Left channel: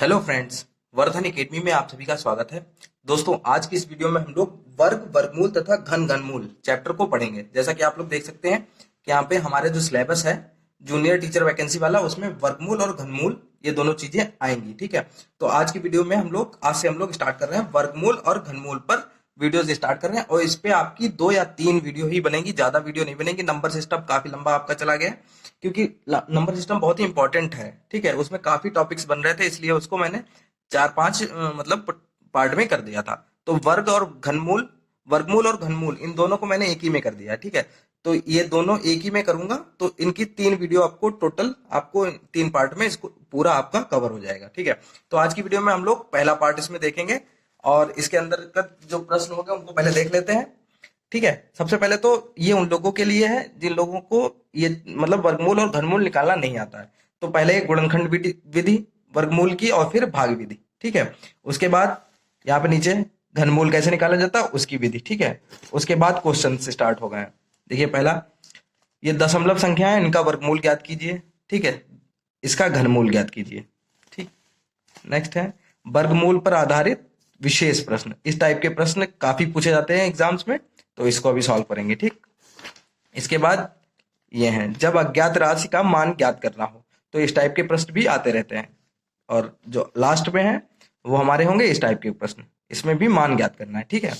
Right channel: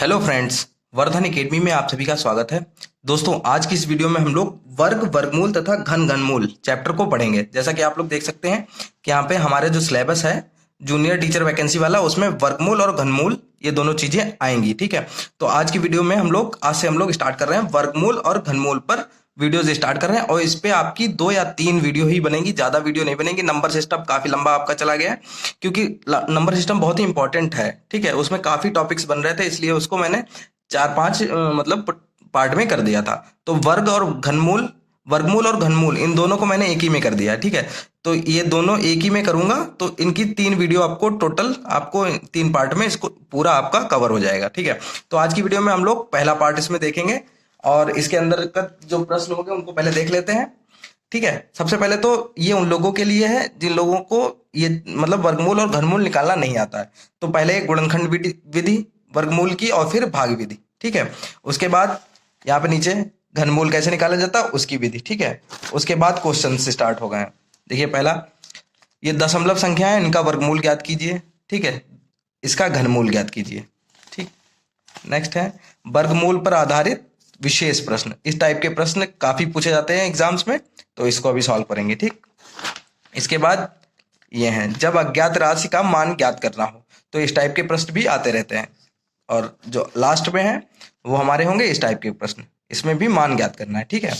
Hello friends, Vardhan academy में आप सभी का स्वागत है। दोस्तों, आज की इस वीडियो में हम लोग वर्ग, वर्गमूल तथा घन, घनमूल चैप्टर को पढ़ेंगे। जैसा कि आप लोग देख सकते हैं कि यहाँ पे हमारे जो सिलेबस है जूनियर टीचर वैकेंसी वाला, उसमें वर्गमूल और घनमूल ये दोनों चीजें आएंगी। ठीक है, तो आज की वीडियो में आज से हम लोग स्टार्ट कर रहे हैं वर्गमूल और घनमूल पर वीडियोज स्टार्ट कर रहे हैं। और इस पे आपकी 2 या 3 वीडियो ही बनेगी, ज्यादा वीडियो नहीं बनेगी। नंबर सिस्टम काफी लंबा आपका चला गया है, क्योंकि नंबर सिस्टम बहुत ही इंपॉर्टेंट है। ठीक है, उसमें काफी टॉपिक्स बन रहे थे, इसलिए उसको मैंने 4-5 मतलब पार्ट में कर दिया था। तो वर्गमूल और घनमूल इन दोनों को मैंने एक ही में कर दिया है। ठीक है, तो ये दोनों एक ही में करूंगा, तो इनकी 3 वीडियो आपको टोटल, आपको 3 पार्ट में इसको पूरा आपका कवर हो जाएगा। ठीक है, तो आज की वीडियो में हम लोग पहला पार्ट इसमें देखेंगे, और इसके अंदर का जो प्रश्न होंगे उनको पहले देख लेते हैं। ठीक है, सबसे पहले तो ये उन लोगों के लिए है जिन लोगों को ये मतलब वर्गमूल और घनमूल निकालना नहीं आता है। तो पहले गुणनखंड विधि वर्गमूल की, और फिर भाग विधि। ठीक है, उसके बाद यहाँ पे नीचे घनमूल कैसे निकाला जाता है उसकी विधि। ठीक है, उसके बाद क्वेश्चन से स्टार्ट हो गए हैं। देखिए, पहला, ये दशमलव संख्या है, इनका वर्गमूल ज्ञात कीजिए। ठीक है, इसका घनमूल ज्ञात कीजिए। ठीक, नेक्स्ट है वर्गमूल पर आधारित विशेष प्रश्न। इस टाइप के प्रश्न काफी पूछे जाते हैं एग्जाम्स में, तो इसको अभी सॉल्व करेंगे। ठीक, इसके बाद ये हैं जब अज्ञात राशि का मान ज्ञात करना हो, तो इस टाइप के प्रश्न भी आते रहते हैं। और जो लास्ट में है वो हमारे होंगे इस टाइप के प्रश्न, इसमें भी मान ज्ञात करना है। ठीक है,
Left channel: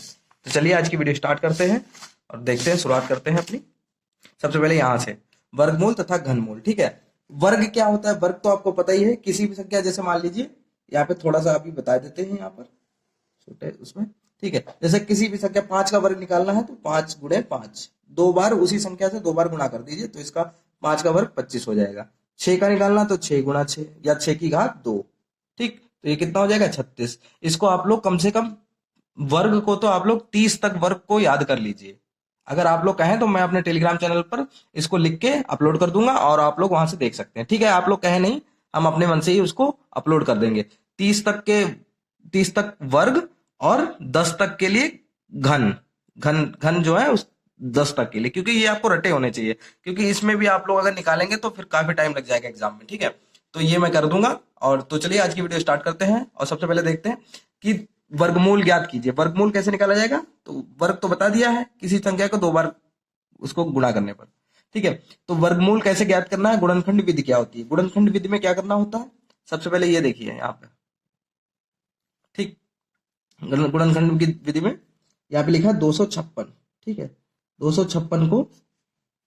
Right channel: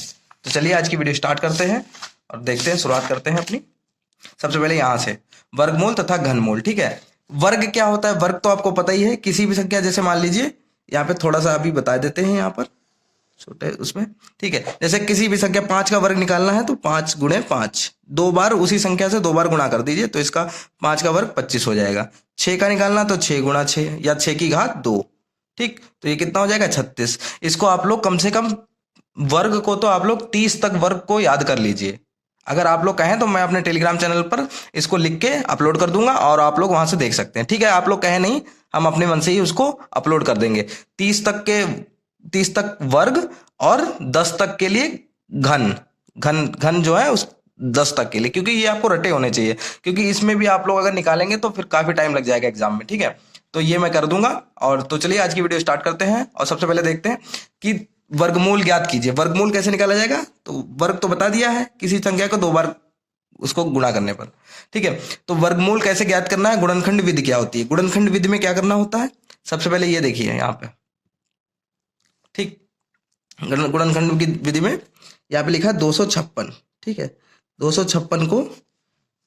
तो चलिए आज की वीडियो स्टार्ट करते हैं और देखते हैं, शुरुआत करते हैं अपनी। सबसे पहले यहाँ से वर्गमूल तथा घनमूल। ठीक है, वर्ग क्या होता है? वर्ग तो आपको पता ही है, किसी भी संख्या, जैसे मान लीजिए यहाँ पे थोड़ा सा अभी बता देते हैं यहाँ पर छोटे उसमें। ठीक है, जैसे किसी भी संख्या 5 का वर्ग निकालना है, तो 5 × 5, 2 बार उसी संख्या से 2 बार गुणा कर दीजिए, तो इसका 5 का वर्ग 25 हो जाएगा। 6 का निकालना तो 6 × 6 या 6 की घात 2। ठीक, तो ये कितना हो जाएगा? 36। इसको आप लोग कम से कम वर्ग को तो आप लोग 30 तक वर्ग को याद कर लीजिए। अगर आप लोग कहें तो मैं अपने टेलीग्राम चैनल पर इसको लिख के अपलोड कर दूंगा, और आप लोग वहां से देख सकते हैं। ठीक है, आप लोग कहें नहीं, हम अपने मन से ही उसको अपलोड कर देंगे। 30 तक वर्ग, और 10 तक के लिए घन। घन घन जो है उस 10 तक के लिए, क्योंकि ये आपको रटे होने चाहिए, क्योंकि इसमें भी आप लोग अगर निकालेंगे तो फिर काफी टाइम लग जाएगा एग्जाम में। ठीक है, तो ये मैं कर दूंगा। और तो चलिए आज की वीडियो स्टार्ट करते हैं, और सबसे पहले देखते हैं कि वर्गमूल ज्ञात कीजिए। वर्गमूल कैसे निकाला जाएगा? तो वर्ग तो बता दिया है, किसी संख्या को 2 बार उसको गुणा करने पर। ठीक है, तो वर्गमूल कैसे ज्ञात करना है? गुणनखंड विधि क्या होती है? गुणनखंड विधि में क्या करना होता है? सबसे पहले ये देखिए यहाँ पे। ठीक, गुणनखंड की विधि में यहाँ पे लिखा है 256। ठीक है, 256 को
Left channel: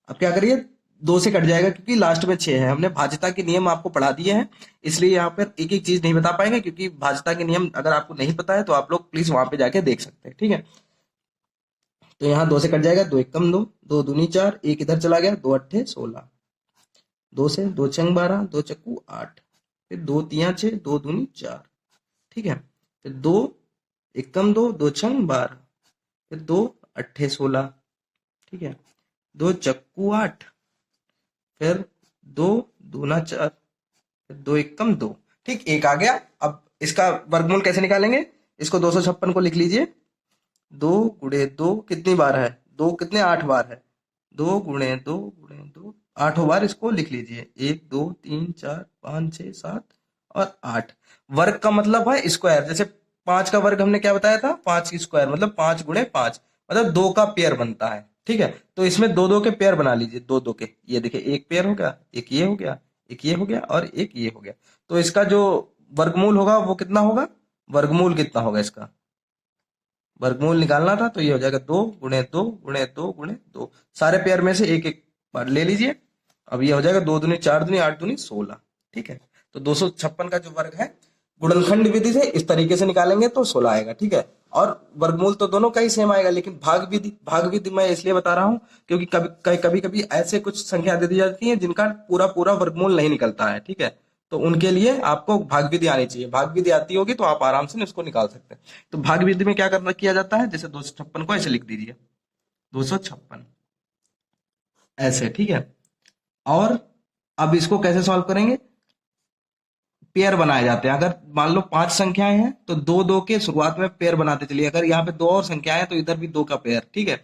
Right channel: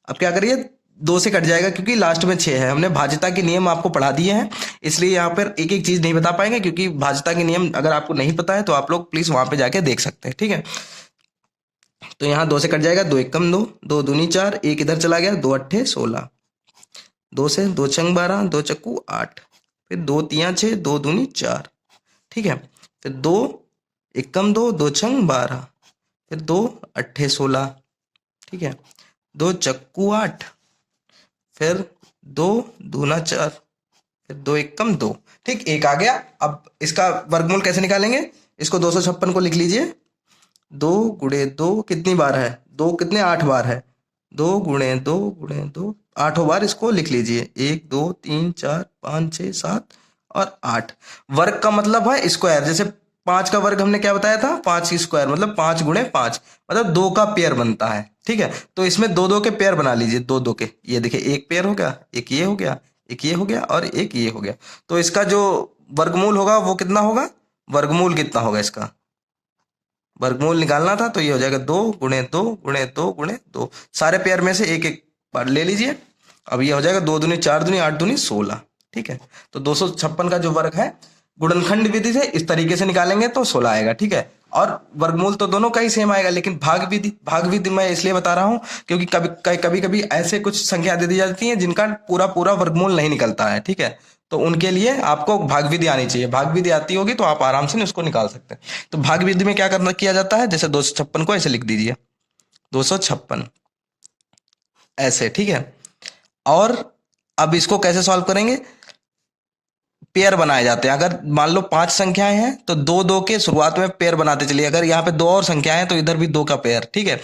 अब क्या करिए, 2 से कट जाएगा, क्योंकि लास्ट में 6 है। हमने भाज्यता के नियम आपको पढ़ा दिए हैं, इसलिए यहाँ पर एक एक चीज नहीं बता पाएंगे, क्योंकि भाज्यता के नियम अगर आपको नहीं पता है तो आप लोग प्लीज वहां पे जाके देख सकते हैं। ठीक है, तो यहाँ 2 से कट जाएगा, 2 एकम 2, 2 दूनी 4, एक इधर चला गया, 2 अट्ठे 16, 2 से 2 छंग 12, 2 चक्कू 8, फिर 2 तिया 6, 2 दूनी 4। ठीक है, फिर 2 एकम 2, 2 छंग 12, फिर 2 अट्ठे 16। ठीक है, 2 चक्कू 8, फिर 2 दूना 4, फिर 2 एकम 2। ठीक, एक आ गया। अब इसका वर्गमूल कैसे निकालेंगे? इसको 256 को लिख लीजिए। 2 × 2 कितनी बार है? 2 कितने 8 बार है। 2 × 2 × 2 8 बार इसको लिख लीजिए। 1 2 3 4 5 6 7 और 8। वर्ग का मतलब है स्क्वायर। जैसे 5 का वर्ग हमने क्या बताया था? 5 की स्क्वायर मतलब 5 × 5, मतलब 2 का पेयर बनता है। ठीक है, तो इसमें 2 2 के पेयर बना लीजिए, 2 2 के। ये देखिए, एक पेयर हो गया, एक ये हो गया, एक ये हो गया, और एक ये हो गया। तो इसका जो वर्गमूल होगा वो कितना होगा? वर्गमूल कितना होगा इसका? वर्गमूल निकालना था तो ये हो जाएगा 2 × 2 × 2 × 2। सारे पेयर में से एक एक बार ले लीजिए। अब ये हो जाएगा 2 दूनी 4 दूनी 8 दूनी 16। ठीक है, तो 256 का जो वर्ग है गुणनखंड विधि से इस तरीके से निकालेंगे तो 16 आएगा। ठीक है, और वर्गमूल तो दोनों का ही सेम आएगा, लेकिन भाग विधि मैं इसलिए बता रहा हूं क्योंकि कभी कभी ऐसे कुछ संख्या दे दी जाती है जिनका पूरा पूरा वर्गमूल नहीं निकलता है। ठीक है, तो उनके लिए आपको भाग विधि आनी चाहिए। भाग विधि आती होगी तो आप आराम से उसको निकाल सकते हैं। तो भाग विधि में क्या करना किया जाता है? जैसे 256 को ऐसे लिख दीजिए, 256 ऐसे। ठीक है, और अब इसको कैसे सॉल्व करेंगे? पेयर बनाए जाते हैं। अगर मान लो 5 संख्याएं हैं तो 2 2 के शुरुआत में पेयर बनाते चलिए। अगर यहाँ पे 2 और संख्याएं हैं तो इधर भी 2 का पेयर। ठीक है,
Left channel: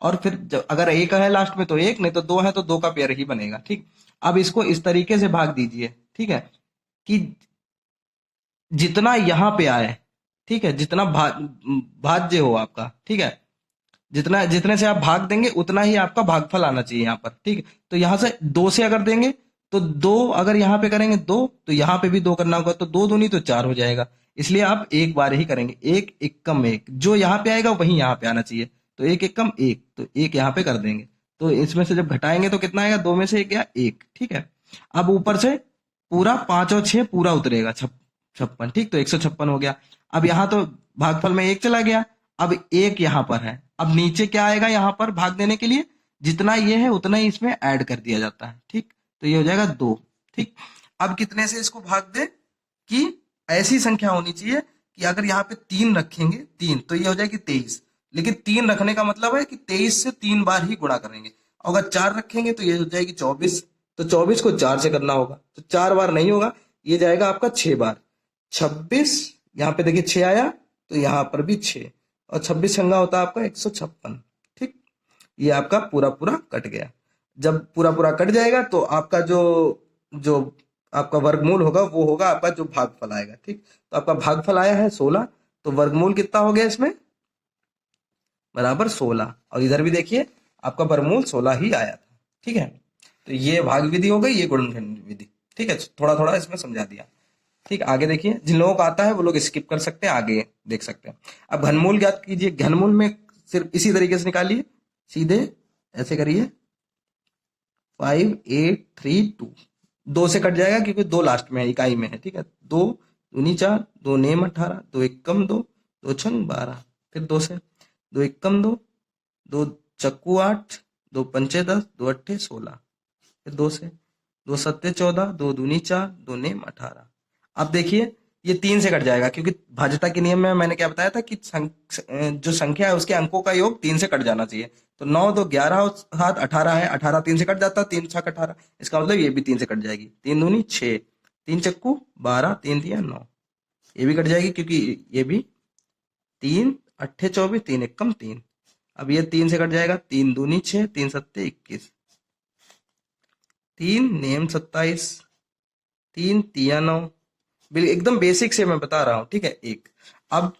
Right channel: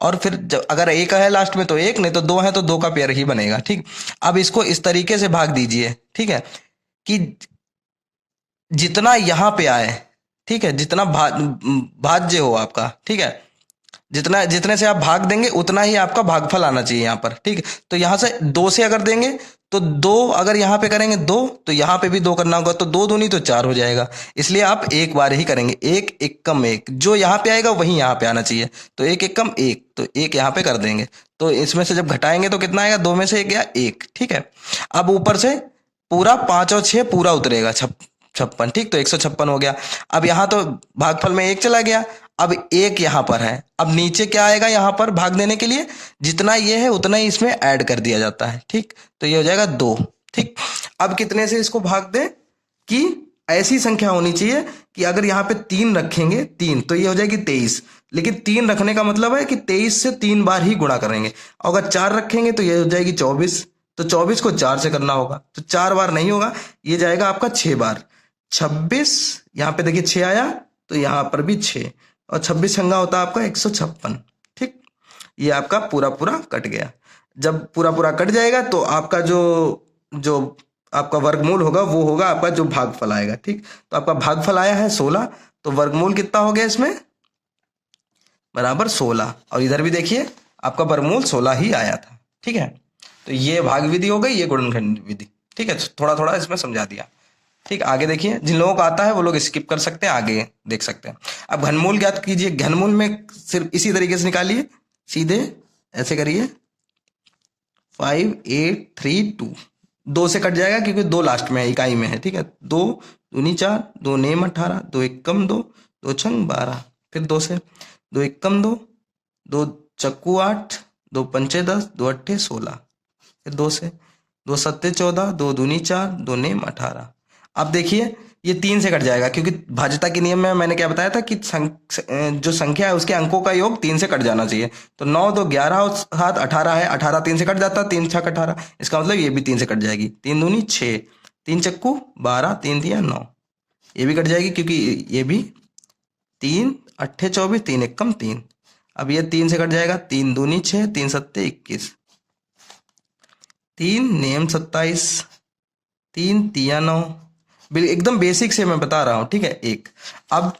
और फिर अगर एक है लास्ट में तो एक, नहीं तो 2 है तो 2 का पेयर ही बनेगा। ठीक, अब इसको इस तरीके से भाग दीजिए। ठीक है, कि जितना यहाँ पे आए, ठीक है, जितना भाज्य हो आपका, ठीक है, जितना जितने से आप भाग देंगे उतना ही आपका भागफल आना चाहिए यहाँ पर, ठीक है। तो यहाँ से 2 से अगर देंगे तो 2, अगर यहाँ पे करेंगे 2 तो यहाँ पे भी 2 करना होगा, तो 2 दूनी तो 4 हो जाएगा। इसलिए आप एक बार ही करेंगे, एक एकम एक, जो यहाँ पे आएगा वही यहाँ पे आना चाहिए। तो एक एकम एक, तो एक यहाँ पे कर देंगे। तो इसमें से जब घटाएंगे तो कितना आएगा, 2 में से एक गया 1, ठीक है। अब ऊपर से पूरा 5 और 6 पूरा उतरेगा, 56, ठीक। तो 156 हो गया। अब यहाँ तो भागफल में 1 चला गया, अब 1 यहाँ पर है। अब नीचे क्या आएगा, यहाँ पर भाग देने के लिए जितना ये है उतना ही इसमें ऐड कर दिया जाता है, ठीक। तो ये हो जाएगा 2, ठीक। अब कितने से इसको भाग दे कि ऐसी संख्या होनी चाहिए कि अगर यहाँ पे 3 रखेंगे, 3, तो ये हो जाएगी 23। लेकिन 3 रखने का मतलब है कि 23 से 3 बार ही गुणा करेंगे। अगर 4 रखेंगे तो ये हो जाएगी 24, तो 24 को 4 से करना होगा, तो 4 बार नहीं होगा, ये जाएगा आपका 6 बार। 26, यहाँ पे देखिए 6 आया, तो यहाँ पर भी 6, और 26 छंगा होता है आपका 156, ठीक। ये आपका पूरा पूरा कट गया। जब पूरा पूरा कट जाएगा तो आपका जो जो आपका वर्गमूल होगा वो होगा आपका जो भागफल आएगा, ठीक। तो आपका भागफल आया है 16, तो वर्गमूल कितना हो गया इसमें, बराबर 16। और इधर भी देखिए आपका वर्गमूल 16 ही आया था, ठीक है। तो ये भाग विधि हो गई, ये गुणनखंड विधि, ठीक है। थोड़ा थोड़ा इसमें समझा दिया, ठीक। आगे देखिए, जिन लोगों को आता है वो लोग स्किप कर सकते हैं, आगे देख सकते हैं। अब घनमूल ज्ञात कीजिए। घनमूल में सिर्फ इसी तरीके से निकालिए, सीधे ऐसे करिए, 5 8 3 2, 2 से कट जाएगा क्योंकि 2 लास्ट में है, इकाई में है, ठीक है। 2 दूनी 4, 2 नेम 18, 2 एकम 2, 2 छंग 12, फिर 2 से, 2 एकम 2, 2 चक्कू 8, 2 पंचे 10, 2 अट्ठे 16, फिर 2 से, 2 सत्ते 14, 2 दूनी 4, 2 नेम 18। अब देखिए ये 3 से कट जाएगा क्योंकि भाज्यता के नियम में मैंने क्या बताया था कि जो संख्या है उसके अंकों का योग 3 से कट जाना चाहिए। तो 9 2 11 और 7 18 है, 18 3 से कट जाता है, 3 6 18, इसका मतलब ये भी 3 से कट जाएगी। 3 दूनी 6, 3 चक्कू 12, 3 दिया 9, ये भी कट जाएगी क्योंकि ये भी 3 अट्ठे 24, 3 एकम 3। अब ये 3 से कट जाएगा, 3 दूनी 6, 3 सत्ते 21, 3 नेम 27, 3 तिया 9। एकदम बेसिक से मैं बता रहा हूं, ठीक है। एक, अब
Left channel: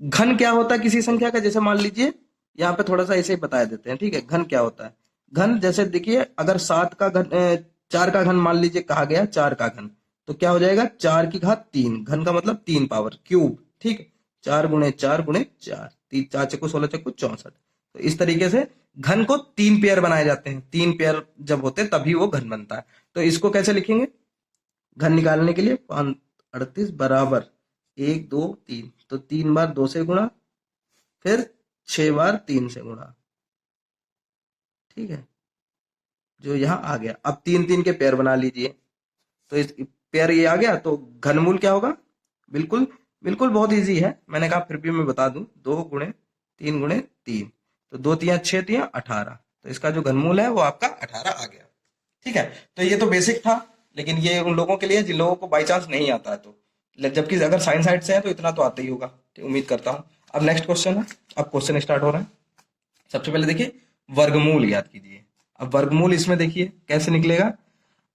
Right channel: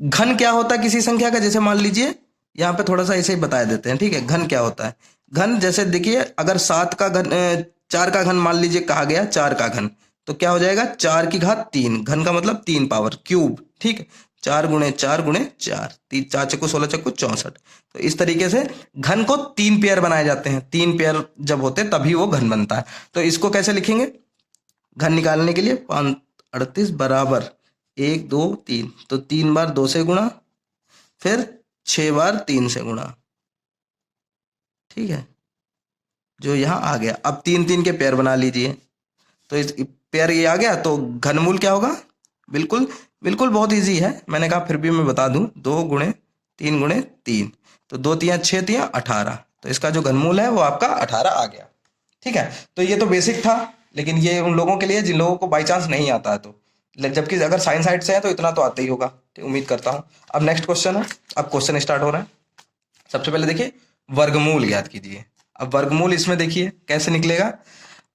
घन क्या होता है किसी संख्या का, जैसे मान लीजिए यहाँ पे थोड़ा सा ऐसे ही बता देते हैं, ठीक है। घन क्या होता है, घन जैसे देखिए अगर 7 का घन 4 का घन मान लीजिए कहा गया, 4 का घन, तो क्या हो जाएगा 4 की घात 3, घन का मतलब 3 पावर क्यूब, ठीक। 4 गुणे 4 गुणे 4, 4 चक्कू 16 चक्कू 64। तो इस तरीके से घन को 3 पेयर बनाए जाते हैं, 3 पेयर जब होते हैं तभी वो घन बनता है। तो इसको कैसे लिखेंगे, घन निकालने के लिए 5 38 बराबर 1 2 3, तो 3 बार 2 से गुणा, फिर 6 बार 3 से गुणा, ठीक है। जो यहाँ आ गया, अब 3 3 के पेयर बना लीजिए, तो इस पेयर ये आ गया, तो घनमूल क्या होगा, बिल्कुल बिल्कुल बहुत इजी है, मैंने कहा फिर भी मैं बता दूं, 2 गुणे 3 गुणे 3, तो 2 तिया 6 तिया 18, तो इसका जो घनमूल है वो आपका 18 आ गया, ठीक है। तो ये तो बेसिक था, लेकिन ये उन लोगों के लिए जिन लोगों को बाई चांस नहीं आता है, तो जबकि अगर साइंस साइड से है तो इतना तो आता ही होगा, ठीक, उम्मीद करता हूँ। अब नेक्स्ट क्वेश्चन है, अब क्वेश्चन स्टार्ट हो रहा है। सबसे पहले देखिए वर्गमूल ज्ञात कीजिए। अब वर्गमूल इसमें देखिए कैसे निकलेगा।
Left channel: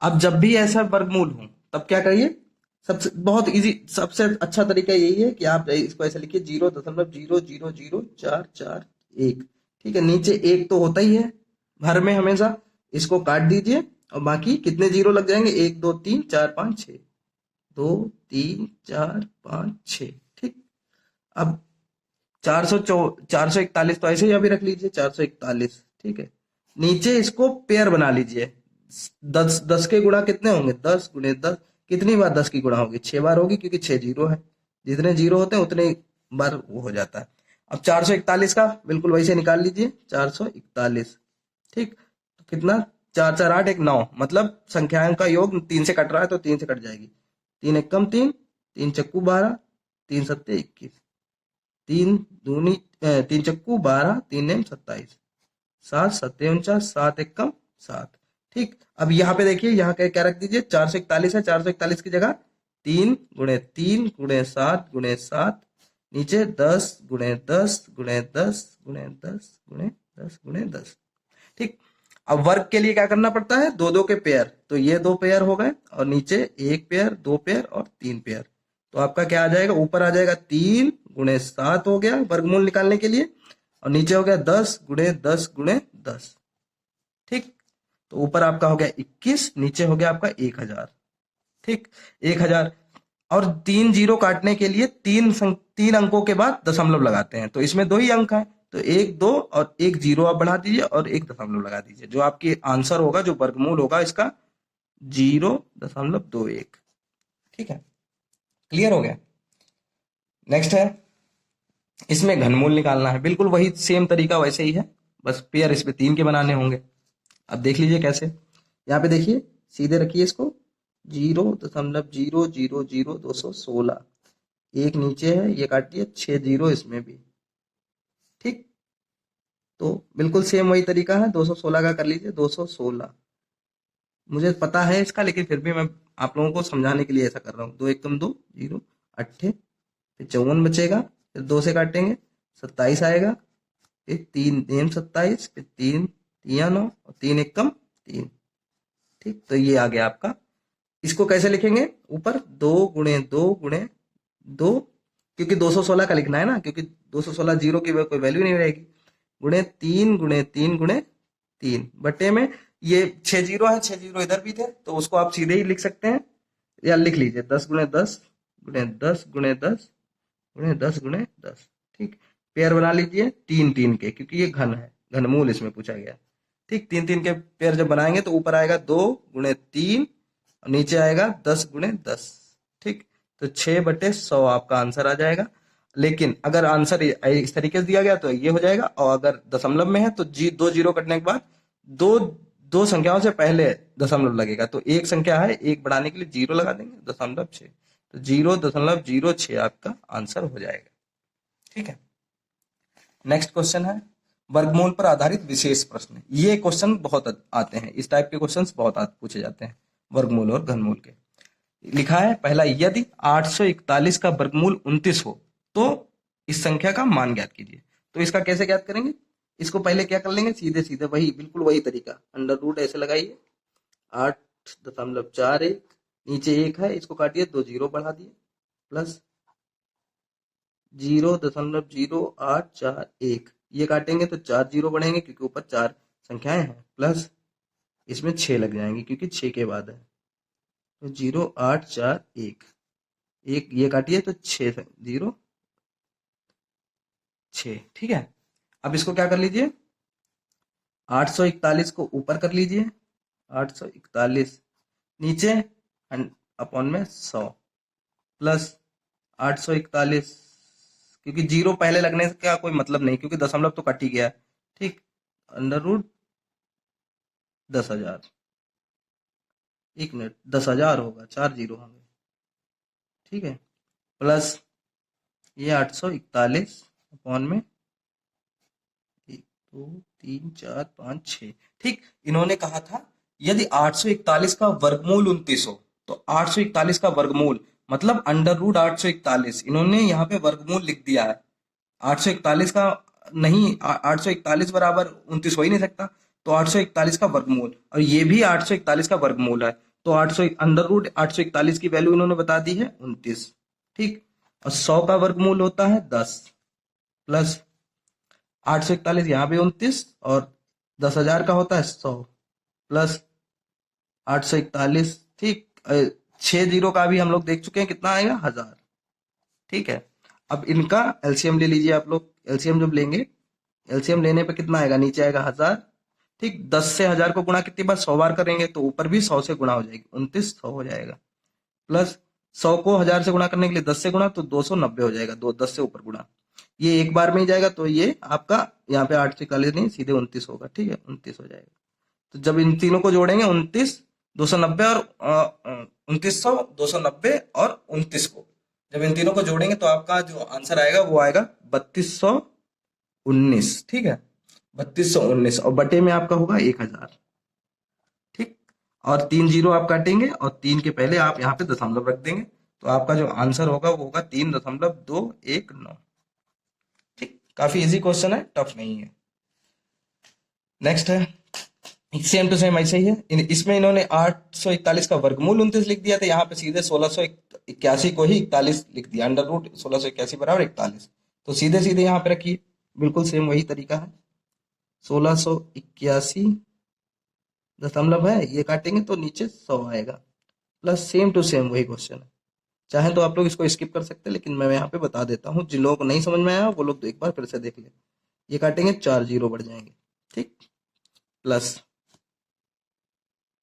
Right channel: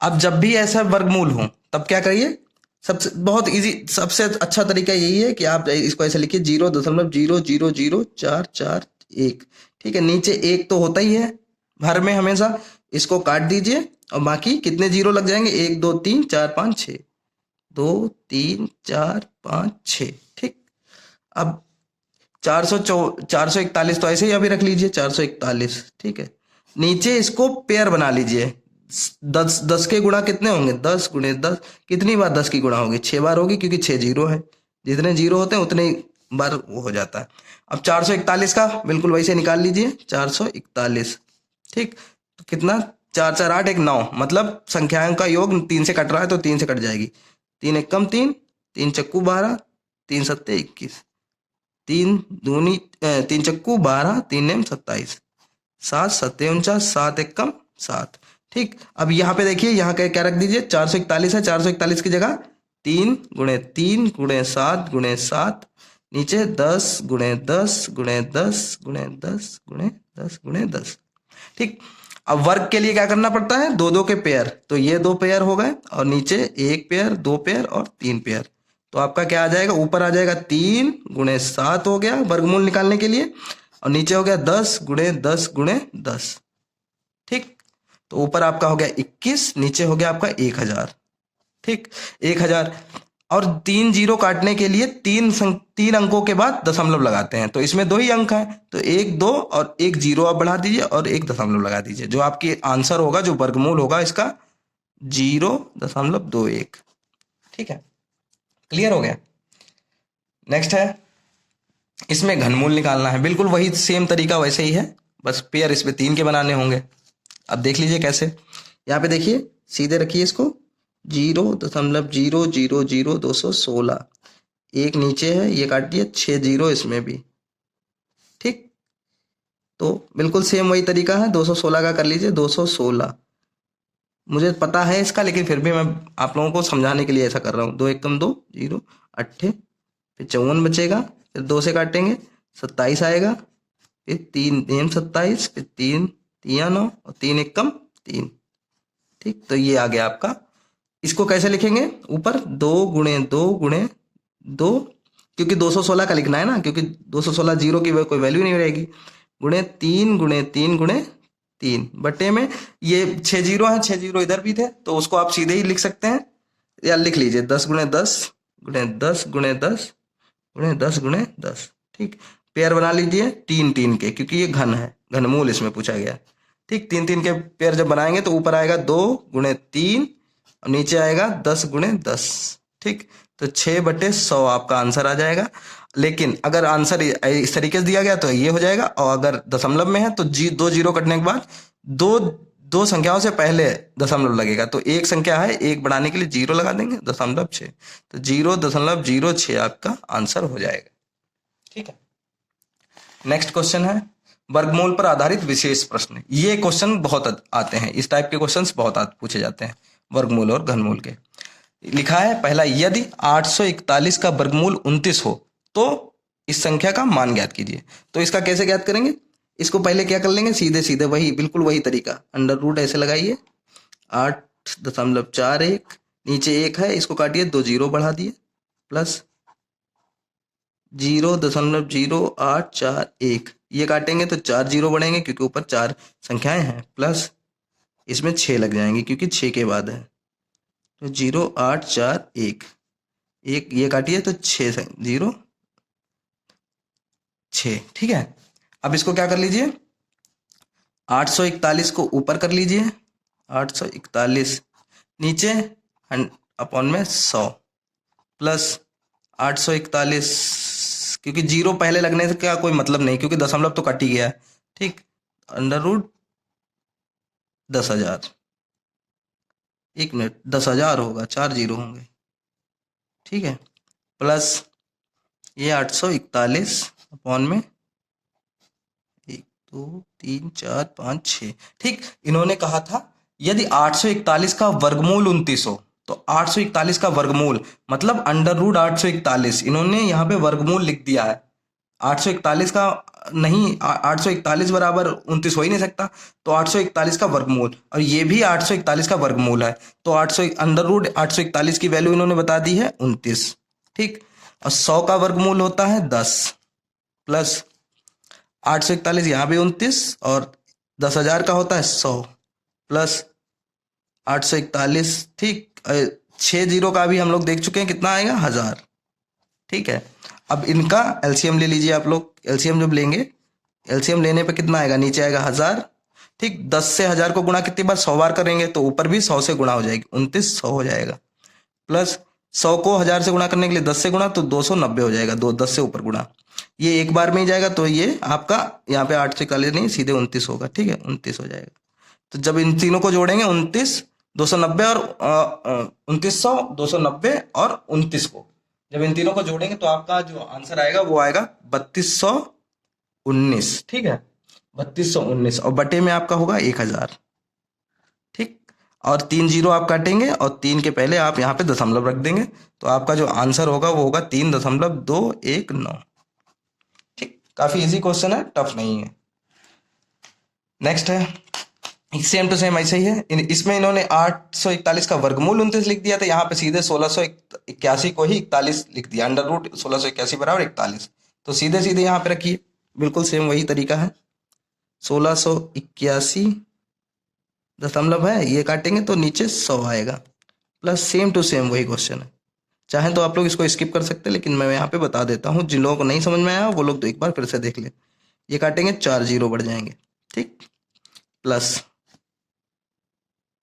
अब जब भी ऐसा वर्गमूल हो तब क्या करिए, सबसे बहुत इजी, सबसे अच्छा तरीका यही है कि आप इसको ऐसे लिखिए 0.0000441, ठीक है। नीचे 1 तो होता ही है हर में हमेशा, इसको काट दीजिए और बाकी कितने जीरो लग जाएंगे, 1 2 3 4 5 6, 2 3 4 5 6, ठीक। अब 441 तो ऐसे ही अभी रख लीजिए 441, ठीक है। नीचे इसको पेयर बना लीजिए, 10 के गुणा कितने होंगे, 10 गुणे 10, कितनी बार 10 की गुणा होगी, 6 बार होगी क्योंकि 6 जीरो है, जितने जीरो होते हैं उतने बार वो हो जाता है। अब 441 का बिल्कुल वैसे निकाल लीजिए, 441, ठीक। तो कितना, 4 4 8 1 9, मतलब संख्याओं का योग 3 से कट रहा है तो 3 से कट जाएगी, 3 एकम 3, 3 चक्कू 12, 3 सत्ते 21, 3 दूनी 3 चक्कू 12, 3 नेम 27, 7 सत्ते 49, 7 एकम 7, ठीक। अब यहाँ पे देखिए यहाँ क्या रख दीजिए, 441 है, 441 की जगह 3 गुणे 3 गुणे 7 गुणे 7, नीचे 10 गुणे 10 गुणे 10 गुणे 10 गुणे 10 गुणे 10, ठीक। अब वर्ग के लिए क्या करना पड़ता है, 2 2 के पेयर, तो ये 2 पेयर हो गए और नीचे 1 पेयर 2 पेयर और 3 पेयर, तो आपका क्या आ जाएगा, ऊपर आ जाएगा 3 × 7 हो गया वर्गमूल निकालने के लिए, और नीचे हो गया 10 × 10 × 10। ठीक, तो ऊपर आपका हो गया 21, नीचे हो गया आपका 1000। ठीक, 1000। और 3 जीरो काटने के लिए 3 अंकों के बाद दशमलव लगाते हैं, तो इसमें 2 ही अंक हैं, तो 1 2 और 1 जीरो आप बढ़ा दीजिए और 1 दशमलव लगा दीजिए। जो आपकी आंसर होगा, जो वर्गमूल होगा इसका 0.21। ठीक है, क्लियर हो गया। नेक्स्ट है, इसमें घनमूल निकालना है। बिल्कुल वही सेम तरीका वैसे ही है, बस पेयर इसमें 3 के बनाने होंगे। अब देख लीजिए कैसे। यहाँ पे देखिए, सीधे रखिए इसको, 0.0000216, एक नीचे है, ये काट दिया, 6 जीरो इसमें भी। ठीक, तो बिल्कुल सेम वही तरीका है, 216 का कर लीजिए, 216। मुझे पता है इसका, लेकिन फिर भी मैं आप लोगों को समझाने के लिए ऐसा कर रहा हूँ। 2 एकम 2 जीरो, 8, फिर 54 बचेगा, फिर 2 से काटेंगे, 27 आएगा, फिर 3 नेम 27, फिर 3 तिया 9 और 3 एकम 3। ठीक, तो ये आ गया आपका। इसको कैसे लिखेंगे, ऊपर 2 × 2 × 2, क्योंकि 216 का लिखना है ना, क्योंकि 216 जीरो की कोई वैल्यू नहीं रहेगी, गुणे 3 × 3 × 3 बटे में ये 6 जीरो है, 6 जीरो इधर भी थे, तो उसको आप सीधे ही लिख सकते हैं, या लिख लीजिए 10 × 10 × 10 × 10 × 10। ठीक, पेयर बना लीजिए 3 3 के, क्योंकि ये घन है, घनमूल इसमें पूछा गया। ठीक, 3 3 के पेयर जब बनाएंगे तो ऊपर आएगा 2 × 3 और नीचे आएगा 10 × 10। ठीक, तो 6/100 आपका आंसर आ जाएगा। लेकिन अगर आंसर इस तरीके से दिया गया तो ये हो जाएगा, और अगर दशमलव में है तो 2 जीरो कटने के बाद दो दो संख्याओं से पहले दशमलव लगेगा, तो एक संख्या है, एक बढ़ाने के लिए 0 लगा देंगे, 0.6, तो 0.06 आपका आंसर हो जाएगा। ठीक है, नेक्स्ट क्वेश्चन है वर्गमूल पर आधारित विशेष प्रश्न। ये क्वेश्चन बहुत आते हैं, इस टाइप के क्वेश्चंस बहुत पूछे जाते हैं वर्गमूल और घनमूल के। लिखा है पहला, यदि 841 का वर्गमूल 29 हो तो इस संख्या का मान ज्ञात कीजिए। तो इसका कैसे ज्ञात करेंगे, इसको पहले क्या कर लेंगे, सीधे सीधे वही बिल्कुल वही तरीका, अंडर रूट ऐसे लगाइए, 8.41, नीचे 1 है, इसको काटिए, 2 जीरो बढ़ा दिए, प्लस 0.0841, ये काटेंगे तो 4 जीरो बढ़ेंगे क्योंकि ऊपर 4 संख्याएं हैं, प्लस इसमें 6 लग जाएंगे क्योंकि 6 के बाद है, तो 0.841, एक ये काटिए तो 6 0 6। ठीक है, अब इसको क्या कर लीजिए, 841 को ऊपर कर लीजिए, 841 नीचे अपॉन में 100, प्लस 841, क्योंकि जीरो पहले लगने से क्या कोई मतलब नहीं, क्योंकि दशमलव तो कट ही गया है। ठीक, अंडर रूट 10,000, 1 मिनट, 10,000 होगा, 4 जीरो होंगे। ठीक है, प्लस ये 841 अपॉन में 1 2 3 4 5 6। ठीक, इन्होंने कहा था यदि 841 का वर्गमूल 29 हो, तो 841 का वर्गमूल मतलब अंडर रूट 841, इन्होंने यहाँ पे वर्गमूल लिख दिया है। 841 का नहीं, 841 बराबर 29 हो ही नहीं सकता, तो 841 का वर्गमूल, और ये भी 841 का वर्गमूल है, तो 800 अंडर रूट 841 की वैल्यू इन्होंने बता दी है 29। ठीक, और 100 का वर्गमूल होता है 10, प्लस 841 यहाँ भी 29, और 10,000 का होता है 100, प्लस 841। ठीक, 6 जीरो का भी हम लोग देख चुके हैं, कितना आएगा, 1000। ठीक है, अब इनका एलसीएम ले लीजिए आप लोग, एलसीएम जब लेंगे, एलसीएम लेने पे कितना आएगा, नीचे आएगा 1000। ठीक, 10 से 1000 को गुणा कितनी बार, 100 बार करेंगे, तो ऊपर भी 100 से गुणा हो जाएगी, 2900 हो जाएगा, प्लस 100 को 1000 से गुणा करने के लिए 10 से गुणा, तो 290 हो जाएगा, 10 से ऊपर गुणा, ये एक बार में ही जाएगा, तो ये आपका यहाँ पे 841 नहीं, सीधे 29 होगा। ठीक है, 29 हो जाएगा। तो जब इन तीनों को जोड़ेंगे, 29 290 और 2900 290 और 29 को जब इन तीनों को जोड़ेंगे तो आपका जो आंसर आएगा वो आएगा 3219। ठीक है, 3219, और बटे में आपका होगा 1000। ठीक, और 3 जीरो आप काटेंगे और 3 के पहले आप यहाँ पे दशमलव रख देंगे, तो आपका जो आंसर होगा वो होगा 3.219। ठीक, काफी इजी क्वेश्चन है, टफ नहीं है। नेक्स्ट है सेम टू सेम ऐसे ही है। इसमें इन्होंने 841 का वर्गमूल 29 लिख दिया था, यहाँ पे सीधे 1681 को ही 41 लिख दिया, अंडर रूट 1681 बराबर 41। तो सीधे सीधे यहाँ पे रखिए, बिल्कुल सेम वही तरीका है। 1681 दशमलव है, ये काटेंगे तो नीचे 100 आएगा, प्लस सेम टू सेम वही क्वेश्चन है। चाहे तो आप लोग इसको स्किप कर सकते हैं, लेकिन मैं यहाँ पे बता देता हूँ, जिन लोगों को नहीं समझ में आया वो लोग तो एक बार फिर से देख ले। ये काटेंगे 4 जीरो बढ़ जाएंगे, ठीक, प्लस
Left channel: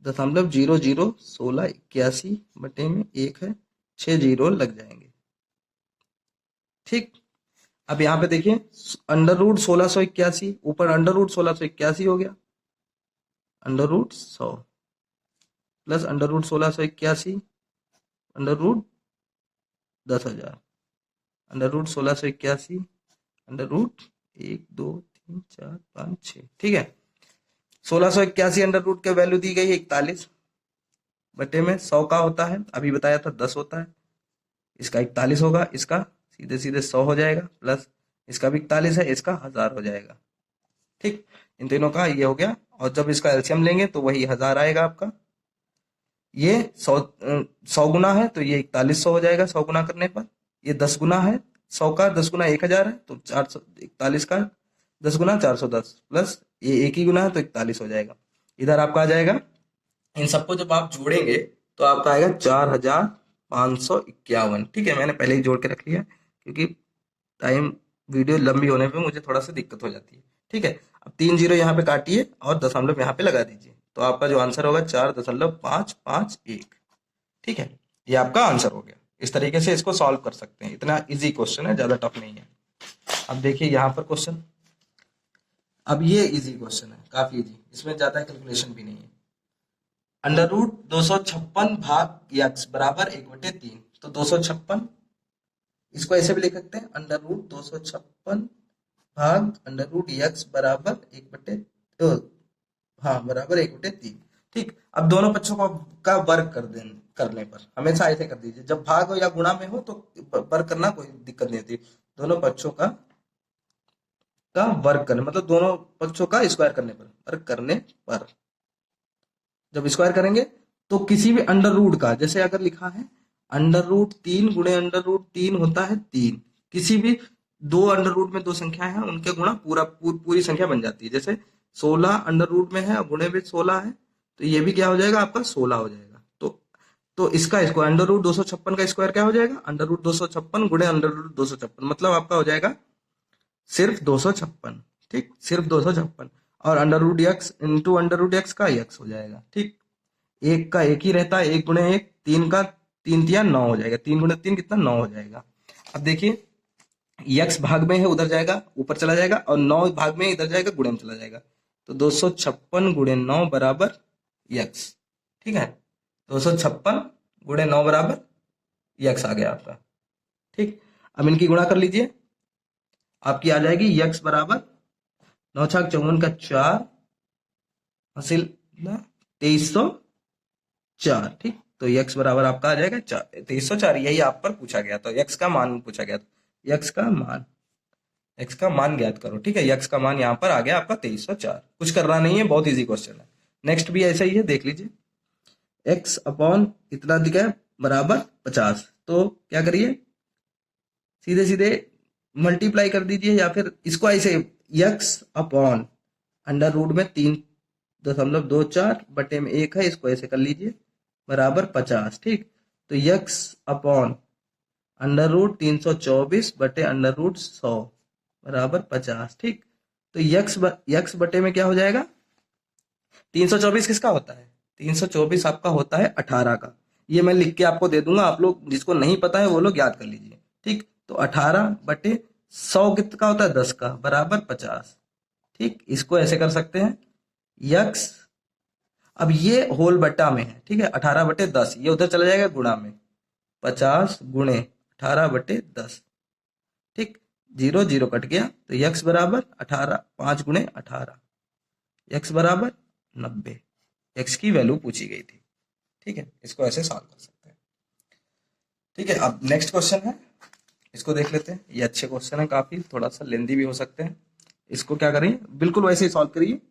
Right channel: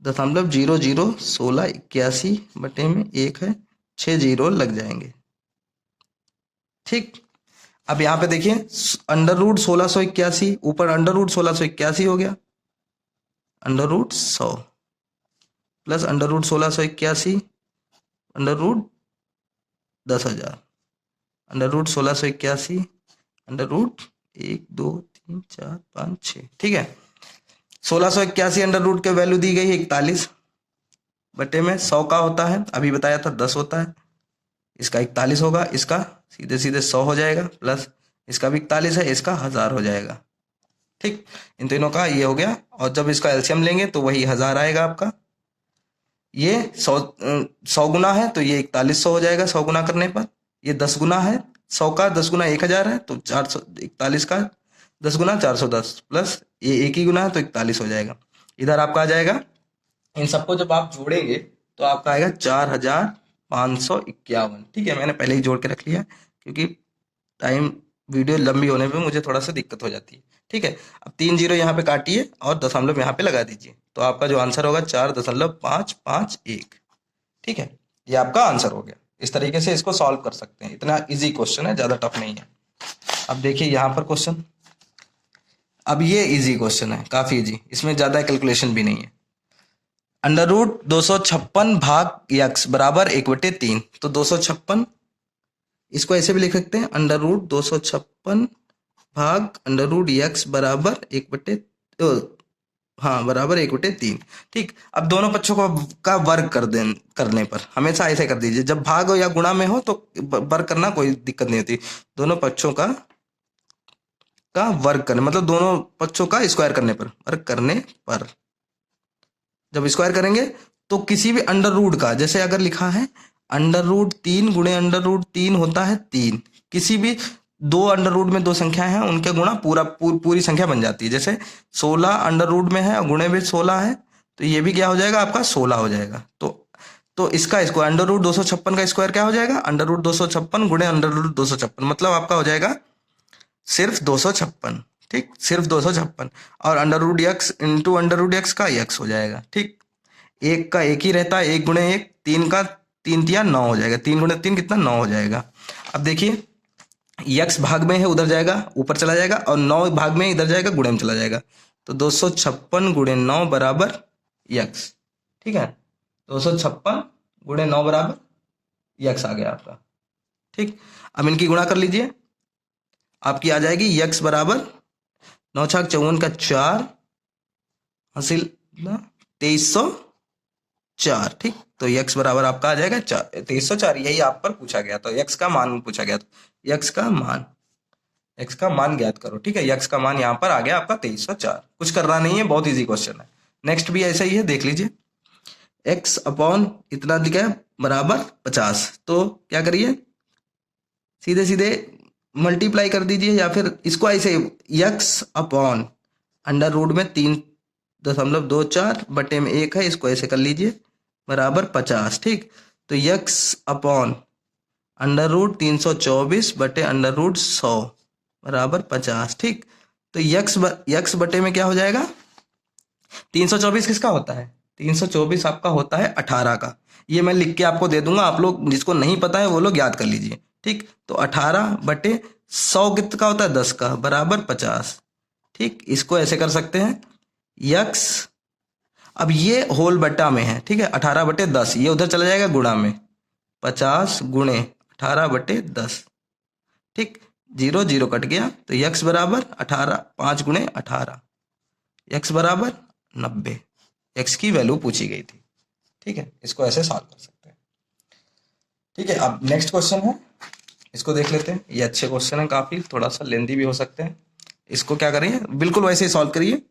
0.001681 बटे में 1 है, 6 जीरो लग जाएंगे, ठीक। अब यहाँ पे देखिए अंडर रूट 1681 ऊपर अंडर रूट 1681 हो गया, under root 100 plus under root 1681 under root 10,000 under root 1681 under root 1 2 3 4 5 6, ठीक है। 1681 अंडर रूट के वैल्यू दी गई है 41 बटे में 100 का होता है, अभी बताया था 10 होता है, इसका 41 होगा, इसका सीधे सीधे 100 हो जाएगा, प्लस इसका भी 41 है, इसका 1000 हो जाएगा, ठीक। इन तीनों का ये हो गया, और जब इसका एलसीएम लेंगे तो वही 1000 आएगा आपका। ये 100 गुना है तो ये 4100 हो जाएगा 100 गुना करने पर। ये 10 गुना है 100 का, 10 गुना 1000 है तो 441 का 10 गुना 410, प्लस ये एक ही गुना है तो 41 हो जाएगा। इधर आपका आ जाएगा, इन सबको जब आप जोड़ेंगे तो आपका आएगा 4551, ठीक है। मैंने पहले ही जोड़ के रख लिया क्योंकि टाइम वीडियो लंबी होने पे मुझे थोड़ा सा दिक्कत हो जाती है, ठीक है। अब 3 जीरो यहाँ पे काटिए और दशमलव यहाँ पे लगा दीजिए, तो आपका जो आंसर होगा 4.551, ठीक है। ये आपका आंसर हो गया। इस तरीके से इसको सॉल्व कर सकते हैं, इतना इजी क्वेश्चन है, ज्यादा टफ नहीं है। अब देखिए यहाँ पर क्वेश्चन, अब ये इजी क्वेश्चन है, काफी इजी, इसमें ज्यादा कैलकुलेशन भी नहीं है। अंडर रूट 256 भाग यक्स बराबर 1/3, तो 256 इसको ऐसे भी लिख सकते हैं, अंडर रूट 256 भाग अंडर रूट यक्स बराबर 1/3, ठीक। अब दोनों पक्षों का वर्ग करने पर हमेशा ऐसे कर दीजिए, जब भाग या गुणा में हो तो वर्ग करना कोई दिक्कत नहीं होती। दोनों पक्षों का वर्ग करने मतलब दोनों पक्षों का स्क्वायर करने पर, वर्ग करने पर जब स्क्वायर करेंगे तो किसी भी अंडर रूट का, जैसे अगर लिखा है अंडर रूट 3 गुणे अंडर रूट 3 होता है 3, किसी भी दो अंडर रूट में दो संख्या है उनके गुणा पूरी संख्या बन जाती है। जैसे 16 अंडर रूट में है और गुणे में 16 है, तो ये भी क्या हो जाएगा आपका 16 हो जाएगा। तो इसका स्क्वायर अंडर रूट 256 का स्क्वायर क्या हो जाएगा, अंडर रूट 256 गुणे अंडर रूट 256, मतलब आपका हो जाएगा सिर्फ 256, ठीक, सिर्फ 256, और under root x into under root x का एक्स हो जाएगा, ठीक। एक का एक ही रहता है, 1 गुणे 1, 3 का 3 तिया 9 हो जाएगा, 3 गुणे 3 कितना 9 हो जाएगा। अब देखिए यक्स भाग में है उधर जाएगा ऊपर चला जाएगा, और 9 भाग में इधर जाएगा गुणे में चला जाएगा, तो 256 गुणे 9 बराबर यक्स, ठीक है। 256 गुणे 9 बराबर यक्स आ गया आपका, ठीक। अब इनकी गुणा कर लीजिए, आपकी आ जाएगी यक्स बराबर 9 छक 54 का 4 हासिल 2304, ठीक। तो यक्स बराबर आपका आ जाएगा 2304, यही आप पर पूछा गया, तो यक्स का मान पूछा गया, तो यक्स का मान ज्ञात करो, ठीक है। यक्स का मान यहाँ पर आ गया आपका 2304, कुछ करना नहीं है, बहुत इजी क्वेश्चन है। नेक्स्ट भी ऐसा ही है, देख लीजिए, एक्स अपॉन इतना दिखा है बराबर 50, तो क्या करिए सीधे सीधे मल्टीप्लाई कर दीजिए, या फिर इसको ऐसे यक्स अपॉन अंडर रूट में 3.24 बटे में 1 है, इसको ऐसे कर लीजिए बराबर 50, ठीक। तो यक्स अपॉन अंडर रूट 324 बटे अंडर रूट 100 बराबर 50, ठीक। तो यक्स बटे में क्या हो जाएगा, 324 किसका होता है, 324 आपका होता है 18 का। ये मैं लिख के आपको दे दूंगा, आप लोग जिसको नहीं पता है वो लोग याद कर लीजिए, ठीक। तो 18 बटे 100 कितना होता है 10 का बराबर 50, ठीक। इसको ऐसे कर सकते हैं यक्स, अब ये होल बट्टा में है, ठीक है, 18 बटे 10, ये उधर चला जाएगा गुणा में, 50 गुणे 18 बटे 10, ठीक। 0 0 कट गया, तो यक्स बराबर 18, 5 गुणे 18, यक्स बराबर 90, एक्स की वैल्यू पूछी गई थी, ठीक है। इसको ऐसे सॉल्व कर सकते हैं, ठीक है। अब नेक्स्ट क्वेश्चन है, इसको देख लेते हैं। ये अच्छे क्वेश्चन है, काफी थोड़ा सा लेंदी भी हो सकते हैं। इसको क्या करिए, बिल्कुल वैसे ही सॉल्व करिए,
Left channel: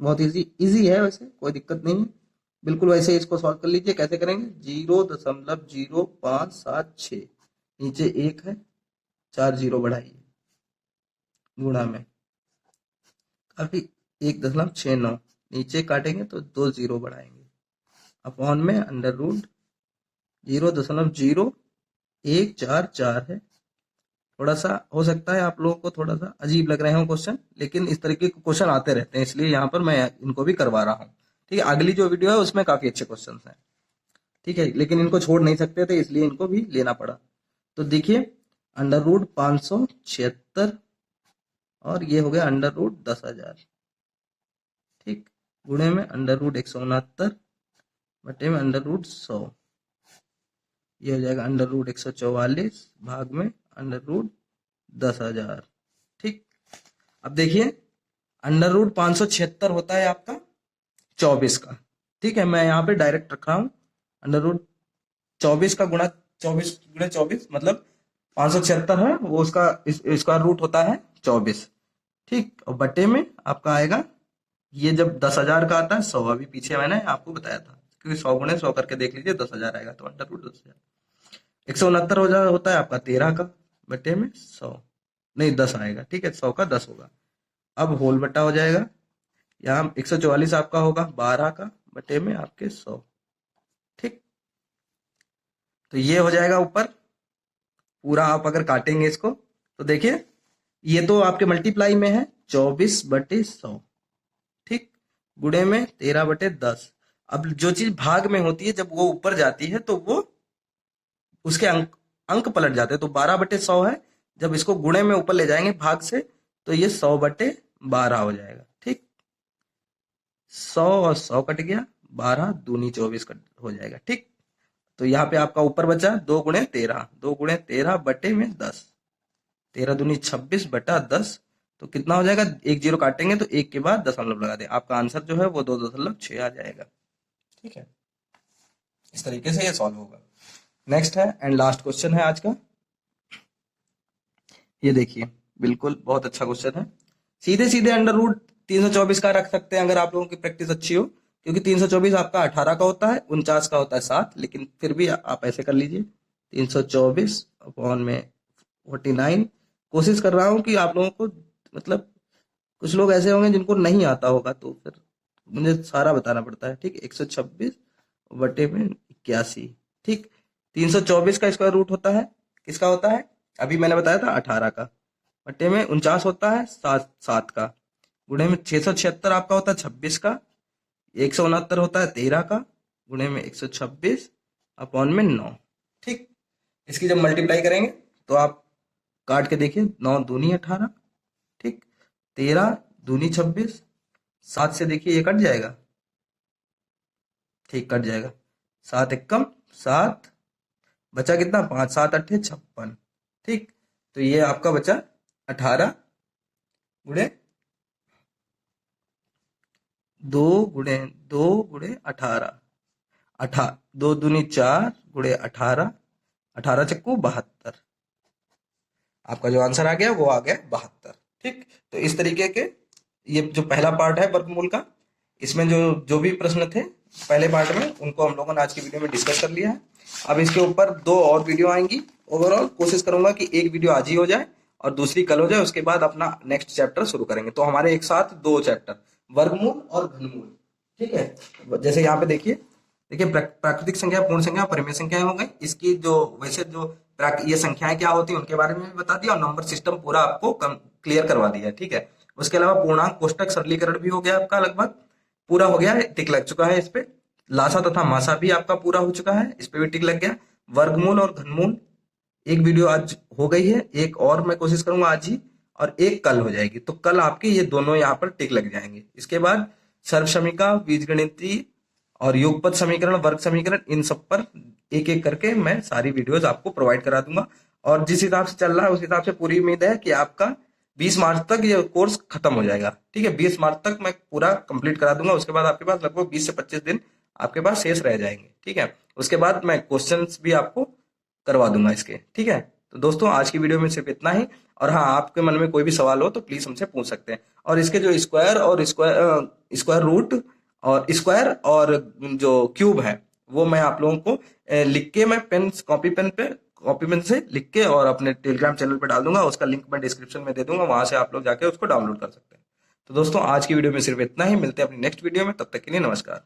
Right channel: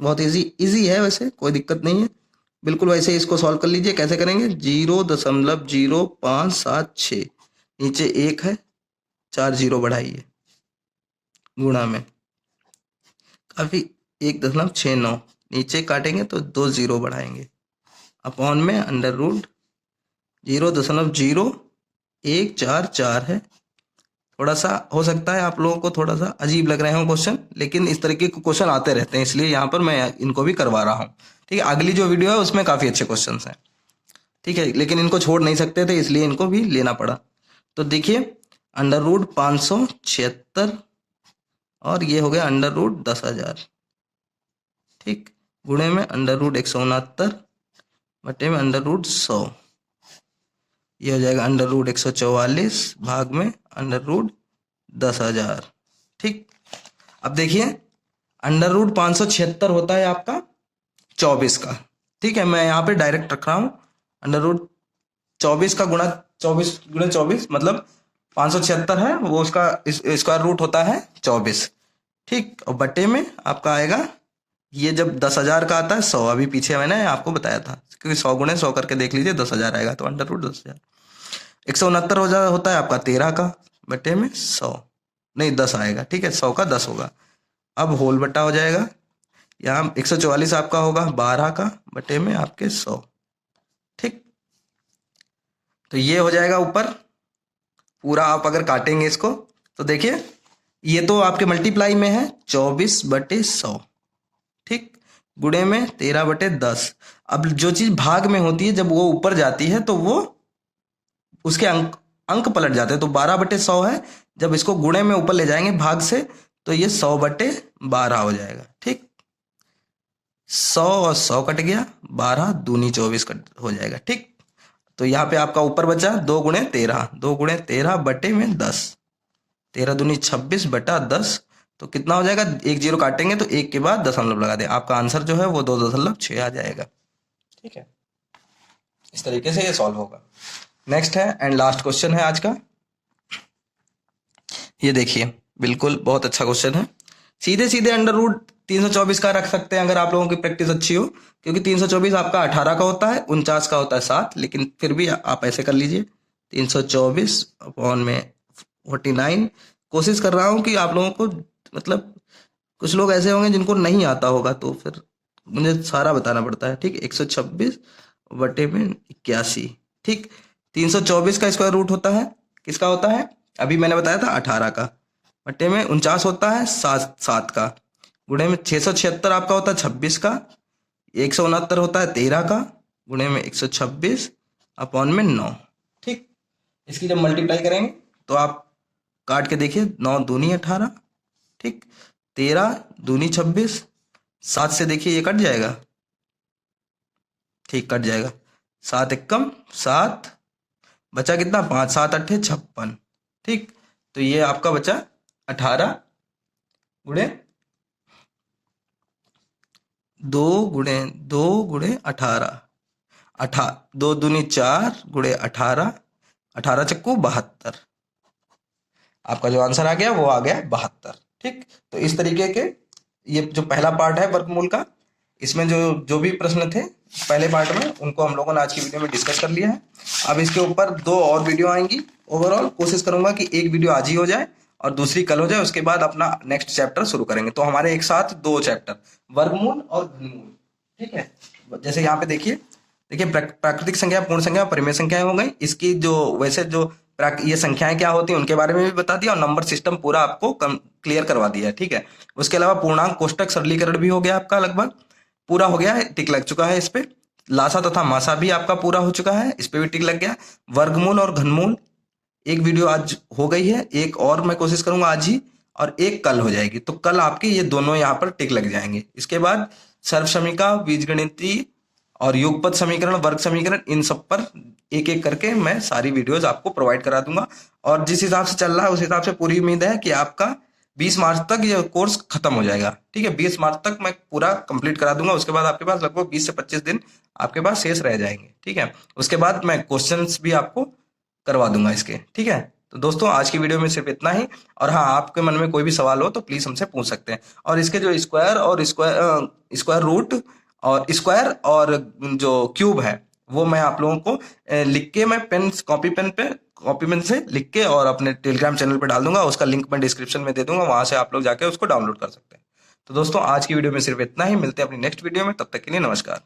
बहुत इजी इजी है, वैसे कोई दिक्कत नहीं है। बिल्कुल वैसे ही इसको सॉल्व कर लीजिए। कैसे करेंगे? 0.0576, नीचे 1 है, 4 जीरो बढ़ाइए, गुणा में काफ़ी 1.69, नीचे काटेंगे तो 2 जीरो बढ़ाएंगे, अपॉन में अंडर रूट 0.0144 है। थोड़ा सा हो सकता है आप लोगों को थोड़ा सा अजीब लग रहे हो क्वेश्चन, लेकिन इस तरीके के क्वेश्चन आते रहते हैं, इसलिए यहाँ पर मैं इनको भी करवा रहा हूँ। ठीक है, अगली जो वीडियो है उसमें काफ़ी अच्छे क्वेश्चन हैं। ठीक है, लेकिन इनको छोड़ नहीं सकते थे, इसलिए इनको भी लेना पड़ा। तो देखिए, अंडर रूट 576 और ये हो गया अंडर रूट 10,000। ठीक, गुणे में अंडर रूट 169 बटे में अंडर रूट 100, ये हो जाएगा अंडर रूट 144 भाग में अंडर रूट 10,000। ठीक, अब देखिए, अंडर रूट 576 होता है आपका 24 का। ठीक है, मैं यहाँ पे डायरेक्ट रख रहा हूँ, अंडर रूट 24 का गुणा 24 गुणे 24 मतलब 576 है, वो उसका स्क्वायर रूट होता है 24। ठीक, और बटे में आपका आएगा, ये जब 10,000 का आता है 100, अभी पीछे मैंने आपको बताया था, क्योंकि 100 गुणे 100 करके देख लीजिए, 10,000 आएगा, तो अंडर रूट 10,000। 169 होता है आपका 13 का, बटे में 100, नहीं 10 आएगा। ठीक है, 100 का 10 होगा। अब होल बटा हो जाएगा, यहाँ 144 आपका होगा 12 का, बटे में आपके 100। ठीक, तो ये हो जाएगा ऊपर पूरा। आप अगर काटेंगे इसको तो देखिए, ये तो आपके मल्टीप्लाई में है 24/100। ठीक, गुणे में 13/10। अब जो चीज भाग में होती है, जब वो ऊपर जाती है तो वो उसके अंक अंक पलट जाते हैं। तो 12/100 है, जब इसको गुणे में ऊपर ले जाएंगे भाग से, तो ये 100/12 हो जाएगा। ठीक, 100 और 100 कट गया, 12 दूनी 24 कट हो जाएगा। ठीक, तो यहाँ पे आपका ऊपर बचा 2 गुणे 13, 2 गुणे 13 बटे में 10, 13 दूनी 26 बटा 10, तो कितना हो जाएगा? 1 जीरो काटेंगे तो 1 के बाद दशमलव लगा दें, आपका आंसर जो है वो 2.6 आ जाएगा। ठीक है, इस तरीके से ये सॉल्व होगा। नेक्स्ट है एंड लास्ट क्वेश्चन है आज का। ये देखिए, बिल्कुल बहुत अच्छा क्वेश्चन है। सीधे सीधे अंडर रूट 324 का रख सकते हैं अगर आप लोगों की प्रैक्टिस अच्छी हो, क्योंकि 324 आपका 18 का होता है, 49 का होता है 7, लेकिन फिर भी आप ऐसे कर लीजिए 324 अपॉन में 49। कोशिश कर रहा हूँ कि आप लोगों को, मतलब कुछ लोग ऐसे होंगे जिनको नहीं आता होगा, तो फिर मुझे सारा बताना पड़ता है। ठीक, 126 बटे में 81। ठीक, 324 का स्क्वायर रूट होता है, किसका होता है? अभी मैंने बताया था 18 का, बटे में 49 होता है 7 का, गुणे में 676 आपका होता है 26 का, 169 होता है 13 का, गुणे में 126 अपॉन में 9। ठीक, इसकी जब मल्टीप्लाई करेंगे तो आप काट के देखिए, 9 दूनी 18, ठीक, 13 दूनी 26, 7 से देखिए ये कट जाएगा। ठीक, कट जाएगा, 7 एकम 7, बचा कितना? 5 7 8 56। ठीक, तो ये आपका बचा 18 गुणे 2 गुणे 2 गुणे 18, 2 दूनी 4 गुणे 18, 18 चक्कू 72, आपका जो आंसर आ गया वो आ गया 72। ठीक, तो इस तरीके के ये जो पहला पार्ट है वर्गमूल का, इसमें जो जो भी प्रश्न थे पहले पार्ट में, उनको हम लोगों ने आज की वीडियो में डिस्कस कर लिया है। अब इसके ऊपर 2 और वीडियो आएंगी। ओवरऑल कोशिश करूंगा कि एक वीडियो आज ही हो जाए और दूसरी कल हो जाए, उसके बाद अपना नेक्स्ट चैप्टर शुरू करेंगे। तो हमारे एक साथ 2 चैप्टर, वर्गमूल और घनमूल। ठीक है, जैसे यहाँ पे देखिए, प्राकृतिक संख्या, पूर्ण संख्या, परिमेय संख्याएं हो गई। इसकी जो वैसे जो ये संख्याएं क्या होती हैं उनके बारे में भी बता दिया, और नंबर सिस्टम पूरा आपको क्लियर करवा दिया है। ठीक है, उसके अलावा पूर्णांक कोष्टक सरलीकरण भी हो गया आपका, लगभग पूरा हो गया है, टिक लग चुका है इस पे। लासा तथा मासा भी आपका पूरा हो चुका है, इस पे भी टिक लग गया। वर्गमूल और घनमूल एक वीडियो आज हो गई है, एक और मैं कोशिश करूंगा आज ही, और एक कल हो जाएगी। तो कल आपके ये दोनों यहाँ पर टिक लग जाएंगे। इसके बाद सर्वसमीका, बीजगणितीय और युगपत समीकरण, वर्ग समीकरण, इन सब पर एक एक करके मैं सारी वीडियोस आपको प्रोवाइड करा दूंगा। और जिस हिसाब से चल रहा है उस हिसाब से पूरी उम्मीद है कि आपका 20 मार्च तक ये कोर्स खत्म हो जाएगा। ठीक है, 20 मार्च तक मैं पूरा कंप्लीट करा दूंगा। उसके बाद आपके पास लगभग 20 से 25 दिन आपके पास शेष रह जाएंगे। ठीक है, उसके बाद मैं क्वेश्चंस भी आपको करवा दूंगा इसके। ठीक है, तो दोस्तों आज की वीडियो में सिर्फ इतना ही। और हाँ, आपके मन में कोई भी सवाल हो तो प्लीज हमसे पूछ सकते हैं। और इसके जो स्क्वायर रूट और स्क्वायर और जो क्यूब है वो मैं आप लोगों को लिख के, मैं कॉपी पेन से लिख के और अपने टेलीग्राम चैनल पे डाल दूंगा। उसका लिंक मैं डिस्क्रिप्शन में दे दूंगा, वहां से आप लोग जाके उसको डाउनलोड कर सकते हैं। तो दोस्तों आज की वीडियो में सिर्फ इतना ही। मिलते हैं अपनी नेक्स्ट वीडियो में, तब तक के लिए नमस्कार।